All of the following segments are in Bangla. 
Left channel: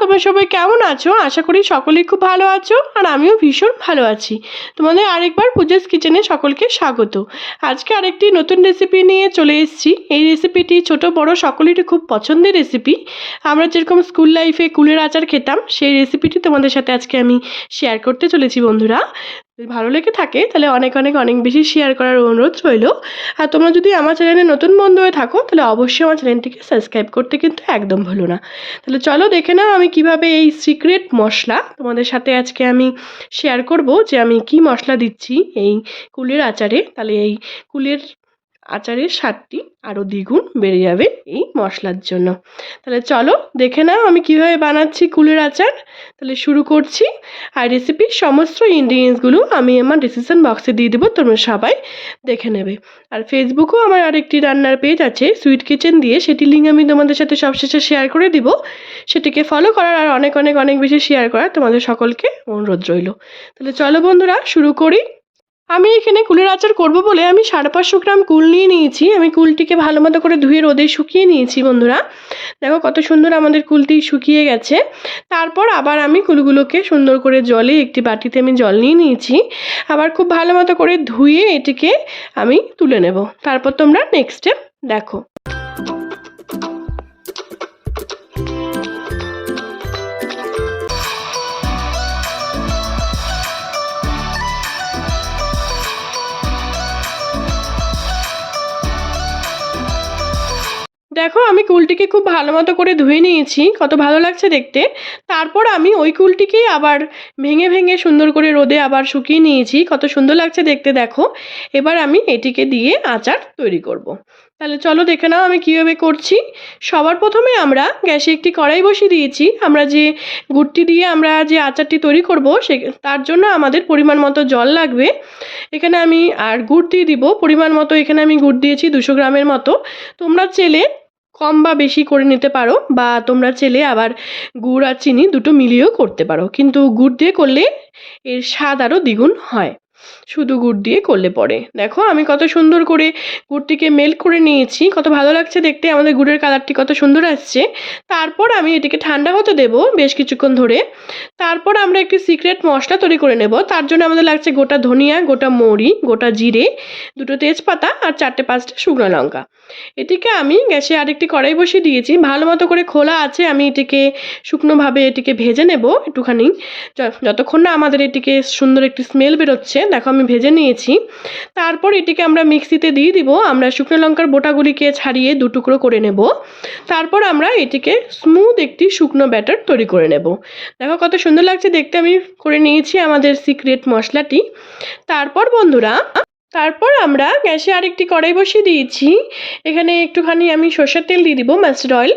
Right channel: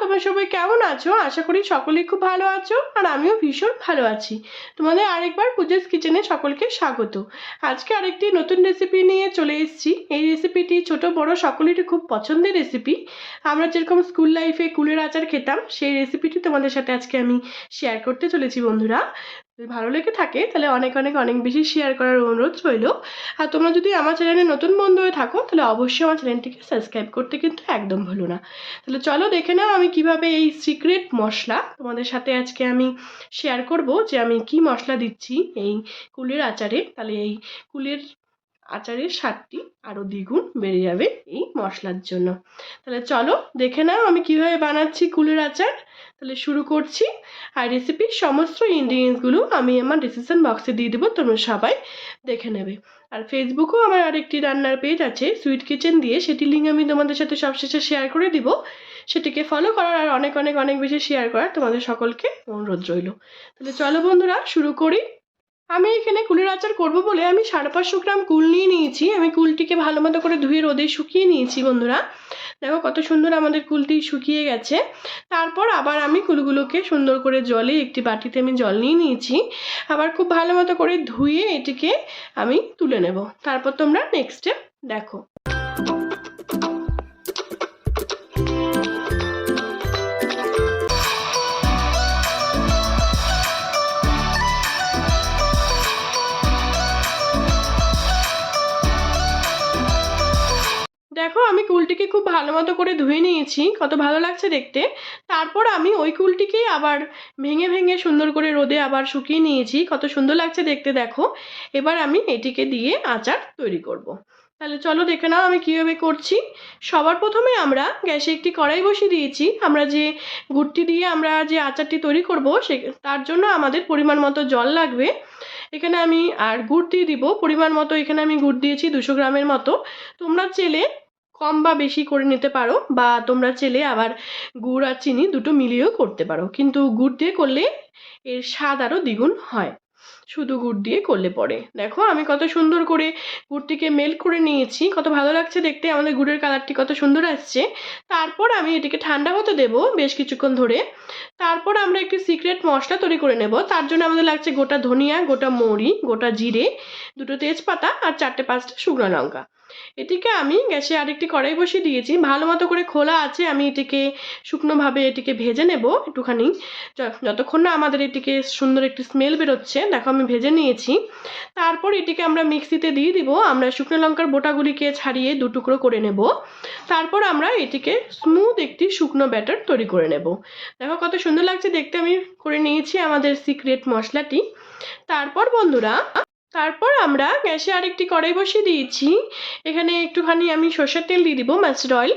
তোমরা সবাই কেমন আছো? আশা করি সকলেই খুব ভালো আছো, আর আমিও ভীষণ ভালো আছি। তোমাদের আরেকবার পূজাস কিচেনে সকলকে স্বাগত। আজকে আরেকটি নতুন রেসিপি নিয়ে চলে এসেছি। এই রেসিপিটি ছোট বড় সকলেরই খুব পছন্দের রেসিপি। আমরা যেরকম স্কুল লাইফে কুলের আচার খেতাম, সেই রেসিপিটি তোমাদের সাথে আজকে আমি শেয়ার করতে চলেছি বন্ধুরা। যদি ভালো লেগে থাকে তাহলে অনেক অনেক অনেক বেশি শেয়ার করার অনুরোধ রইল। আর তোমরা যদি আমার চ্যানেলে নতুন বন্ধু হয়ে থাকো তাহলে অবশ্যই আমার চ্যানেলটিকে সাবস্ক্রাইব করতে কিন্তু একদম ভুলো না। তাহলে চলো দেখে নাও আমি কিভাবে এই সিক্রেট মশলা তোমাদের সাথে আজকে আমি শেয়ার করব, যে আমি কি মশলা দিচ্ছি এই কুলের আচারে। তাহলে এই কুলের আচারের স্বাদটি আরও দ্বিগুণ বেড়ে যাবে এই মশলার জন্য। তাহলে চলো দেখে নাও আমি কিভাবে বানাচ্ছি কুলের আচার। তাহলে শুরু করছি। আর রেসিপির সমস্ত ইনগ্রিডিয়েন্টসগুলো আমি আমার ডিসক্রিপশন বক্সে দিয়ে দেবো, তোমরা সবাই দেখে নেবে। আর ফেসবুকেও আমার আরেকটি রান্নার পেজ আছে সুইট কিচেন দিয়ে, সেটি লিঙ্ক আমি তোমাদের সাথে সবশেষে শেয়ার করে দিব। সেটিকে ফলো করার আর অনেক অনেক অনেক বেশি শেয়ার করার তোমাদের সকলকে অনুরোধ রইল। তাহলে চলো বন্ধুরা শুরু করি। আমি এখানে কুলের আচার করব বলে আমি 550 গ্রাম কুল নিয়ে নিয়েছি। আমি কুলটিকে ভালো মতো করে ধুয়ে রোদে শুকিয়ে নিয়েছি বন্ধুরা। দেখো কত সুন্দর আমাদের কুলটি শুকিয়ে গেছে। তারপর আবার আমি কুলগুলোকে সুন্দর করে জলে একটি বাটিতে আমি জল নিয়ে নিয়েছি। আবার খুব ভালো মতো করে ধুয়ে এটিকে আমি তুলে নেব। তারপর তোমরা নেক্সট স্টেপ দেখো। দেখো আমি কুলটিকে খুব ভালো মতো করে ধুয়ে নিয়েছি, কত ভালো লাগছে দেখতে। তারপর আমি ওই কুলটিকেই আবার ভেঙে ভেঙে সুন্দর করে রোদে আবার শুকিয়ে নিয়েছি, কত সুন্দর লাগছে দেখতে দেখো। এবার আমি এটিকে দিয়ে আচার তৈরি করব। তাহলে চলো দেখে নাও আমি কীভাবে করছি। সবার প্রথমে আমরা গ্যাসে একটি কড়াই বসিয়ে দিয়েছি। আমরা যে গুড়টি দিয়ে আমরা যে আচারটি তৈরি করব তার জন্য আমাদের পরিমাণ মতো জল লাগবে। এখানে আমি আর গুড় দিয়ে দিব পরিমাণ মতো। এখানে আমি গুড় দিয়েছি 200 গ্রামের মতো। তোমরা চেলে কম বা বেশি করে নিতে পারো, বা তোমরা চেলে আবার গুড় আর চিনি দুটো মিলিয়েও করতে পারো, কিন্তু গুড় দিয়ে করলে এর স্বাদ আরও দ্বিগুণ হয় শুধু গুড় দিয়ে করলে পরে। দেখো আমি কত সুন্দর করে গুড়টিকে মেল্ট করে নিয়েছি, কত ভালো লাগছে দেখতে, আমাদের গুড়ের কালারটি কত সুন্দর আসছে। তারপর আমি এটিকে ঠান্ডা হতে দেব বেশ কিছুক্ষণ ধরে। তারপর আমরা একটি সিক্রেট মশলা তৈরি করে নেব। তার জন্য আমাদের লাগছে গোটা ধনিয়া, গোটা মৌরি, গোটা জিরে, দুটো তেজপাতা আর 4-5টা শুকনো লঙ্কা। এটিকে আমি গ্যাসে আরেকটি কড়াই বসিয়ে দিয়েছি, ভালো মতো করে খোলা আছে। আমি এটিকে শুকনোভাবে এটিকে ভেজে নেব একটুখানি, যতক্ষণ না আমাদের এটিকে সুন্দর একটি স্মেল বেরোচ্ছে। দেখো আমি ভেজে নিয়েছি। তারপর এটিকে আমরা মিক্সিতে দিয়ে দিব। আমরা শুকনো লঙ্কার বোটাগুলিকে ছাড়িয়ে 2 টুকরো করে নেব। তারপর আমরা এটিকে স্মুথ একটি শুকনো ব্যাটার তৈরি করে নেব। দেখো কত সুন্দর লাগছে দেখতে, আমি করে নিয়েছি আমাদের সিক্রেট মশলাটি। তারপর বন্ধুরা আমরা গ্যাসে আরেকটি কড়াই বসিয়ে দিয়েছি। এখানে একটুখানি আমি সর্ষের তেল দিয়ে দিব, মাস্টার্ড অয়েল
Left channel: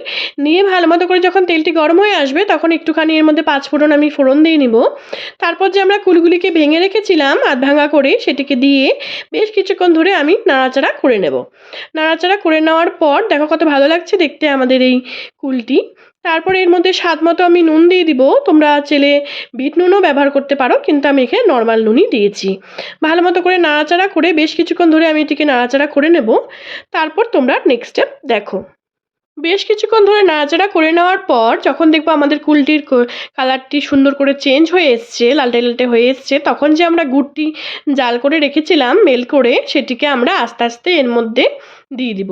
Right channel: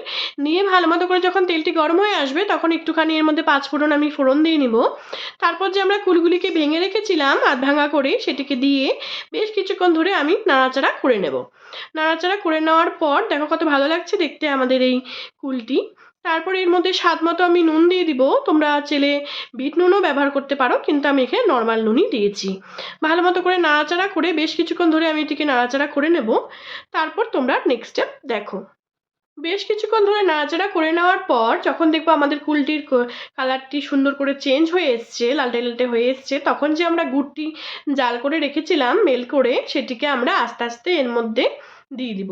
নিয়ে ভালো মতো করে যখন তেলটি গরম হয়ে আসবে তখন একটুখানি এর মধ্যে 5 ফোড়ন আমি ফোড়ন দিয়ে নিব। তারপর যে আমরা কুলগুলিকে ভেঙে রেখেছিলাম আধ ভাঙা করে, সেটিকে দিয়ে বেশ কিছুক্ষণ ধরে আমি নাড়াচাড়া করে নেব। নাড়াচাড়া করে নেওয়ার পর দেখো কত ভালো লাগছে দেখতে আমাদের এই কুলটি। তারপর এর মধ্যে স্বাদ মতো আমি নুন দিয়ে দিব। তোমরা চেলে বিট নুনও ব্যবহার করতে পারো, কিন্তু আমি এখানে নর্মাল নুনই দিয়েছি। ভালো মতো করে নাড়াচাড়া করে বেশ কিছুক্ষণ ধরে আমি এটিকে নাড়াচাড়া করে নেব। তারপর তোমরা নেক্সট স্টেপ দেখো। বেশ কিছুক্ষণ ধরে নাড়াচাড়া করে নেওয়ার পর যখন দেখবো আমাদের কুলটির কালারটি সুন্দর করে চেঞ্জ হয়ে এসছে, লালটে লালটে হয়ে এসছে, তখন যে আমরা গুড়টি জাল করে রেখেছিলাম মেল করে, সেটিকে আমরা আস্তে আস্তে এর মধ্যে দিয়ে দিব।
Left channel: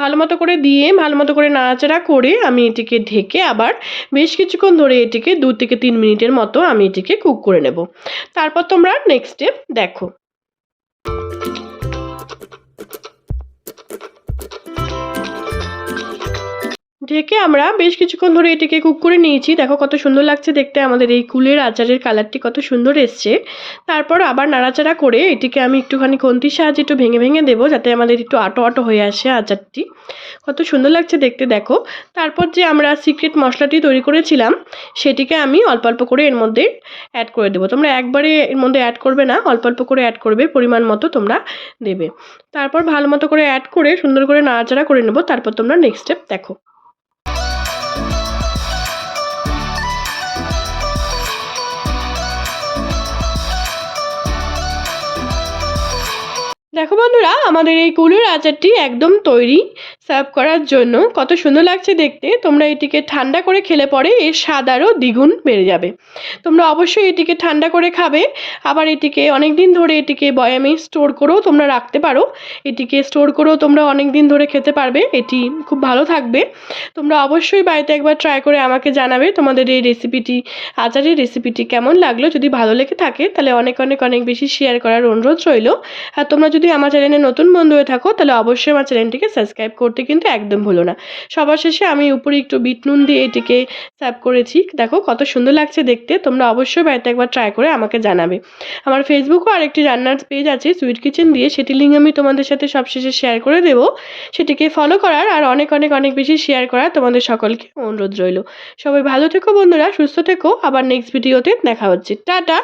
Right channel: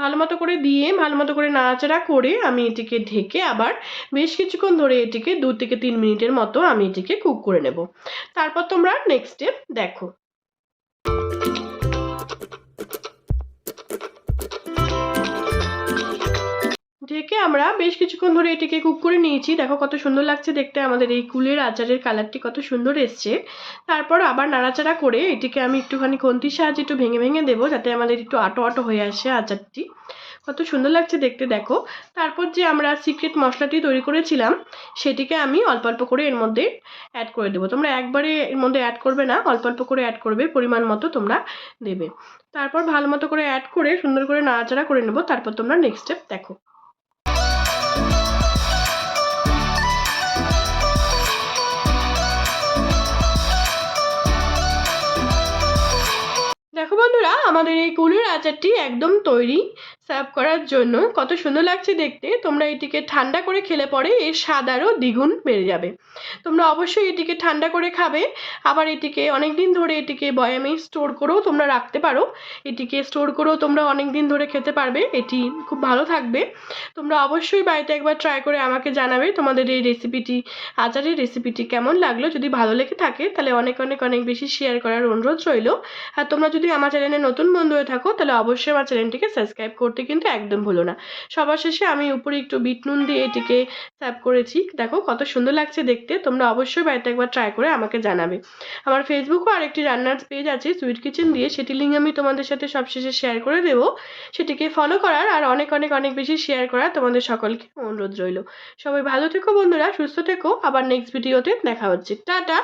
ভালো মতো করে দিয়ে ভালো মতো করে নাড়াচাড়া করে আমি এটিকে ঢেকে আবার বেশ কিছুক্ষণ ধরে এটিকে 2 থেকে 3 মিনিটের মতো আমি এটিকে কুক করে নেব। তারপর তোমরা নেক্সট স্টেপ দেখো। ঢেকে আমরা বেশ কিছুক্ষণ ধরে এটিকে কুক করে নিয়েছি। দেখো কত সুন্দর লাগছে দেখতে, আমাদের এই কুলের আচারের কালারটি কত সুন্দর এসছে। তারপর আবার নাড়াচাড়া করে এটিকে আমি একটুখানি খুন্তির সাহায্যে একটু ভেঙে ভেঙে দেবো, যাতে আমাদের একটু আটো আটো হয়ে আসে আচারটি। কত সুন্দর লাগছে দেখতে দেখো। তারপর যে আমরা সিক্রেট মশলাটি তৈরি করেছিলাম সেটিকে আমি অল্প অল্প করে এর মধ্যে অ্যাড করে দেবো। তোমরা একবারে এর মধ্যে অ্যাড করবে না, অল্প অল্প করে অ্যাড করবে, পরিমাণ মতো তোমরা দেবে। তারপর ভালো মতো করে অ্যাড করে সুন্দর করে নাড়াচাড়া করে নেবো। তারপর তোমরা নেক্সট স্টেপ দেখো। দেখো বন্ধুরা আমাদের এই কুলের আচারটি একদম তৈরি। সার্ভ করার জন্য। কত সুন্দর লাগছে দেখতে। তোমরা এটিকে ঠান্ডা করে খেলে পরে এর স্বাদ আরও দ্বিগুণ বেড়ে যাবে। তোমরা অবশ্যই এটিকে ঠান্ডা করে খাবে। আবার এটিকে অনেক দিন ধরে এটিকে বয়ামে স্টোর করেও তোমরা রাখতে পারো। এটিকে স্টোর করেও তোমরা অনেক দিন ধরে খেতে পারবে। এটি খুব ভালো থাকবে। তোমরা অবশ্যই বাড়িতে একবার ট্রাই করে আমাকে জানাবে তোমাদের এই রেসিপিটি, আচারের রেসিপিটি কেমন লাগলো। যদি ভালো লেগে থাকে তাহলে অনেক অনেক অনেক বেশি শেয়ার করার অনুরোধ রইল। আর তোমরা যদি আমার চ্যানেলে নতুন বন্ধু হয়ে থাকো তাহলে অবশ্যই আমার চ্যানেলটিকে সাবস্ক্রাইব করতে কিন্তু একদম ভুলো না। সবার শেষে আমি উপরে একটু বিট নুন দিয়ে এটিকে সার্ভ করেছি। দেখো কত সুন্দর লাগছে দেখতে। তোমরা অবশ্যই বাড়িতে একবার ট্রাই করে আমাকে জানাবে। আমার ফেসবুকেও আরেকটি রান্নার পেজ আছে সুইট কিচেন দিয়ে, সেটি লিঙ্ক আমি তোমাদের সাথে সবশেষে শেয়ার করে দেবো। সেটিকে ফলো করার আর অনেক অনেক অনেক বেশি শেয়ার করার তোমাদের সকলকে অনুরোধ রইল। সবাই ভালো থেকো বন্ধুরা, সুস্থ থেকো। আবার নেক্সট ভিডিওতে দেখা হচ্ছে। টাটা।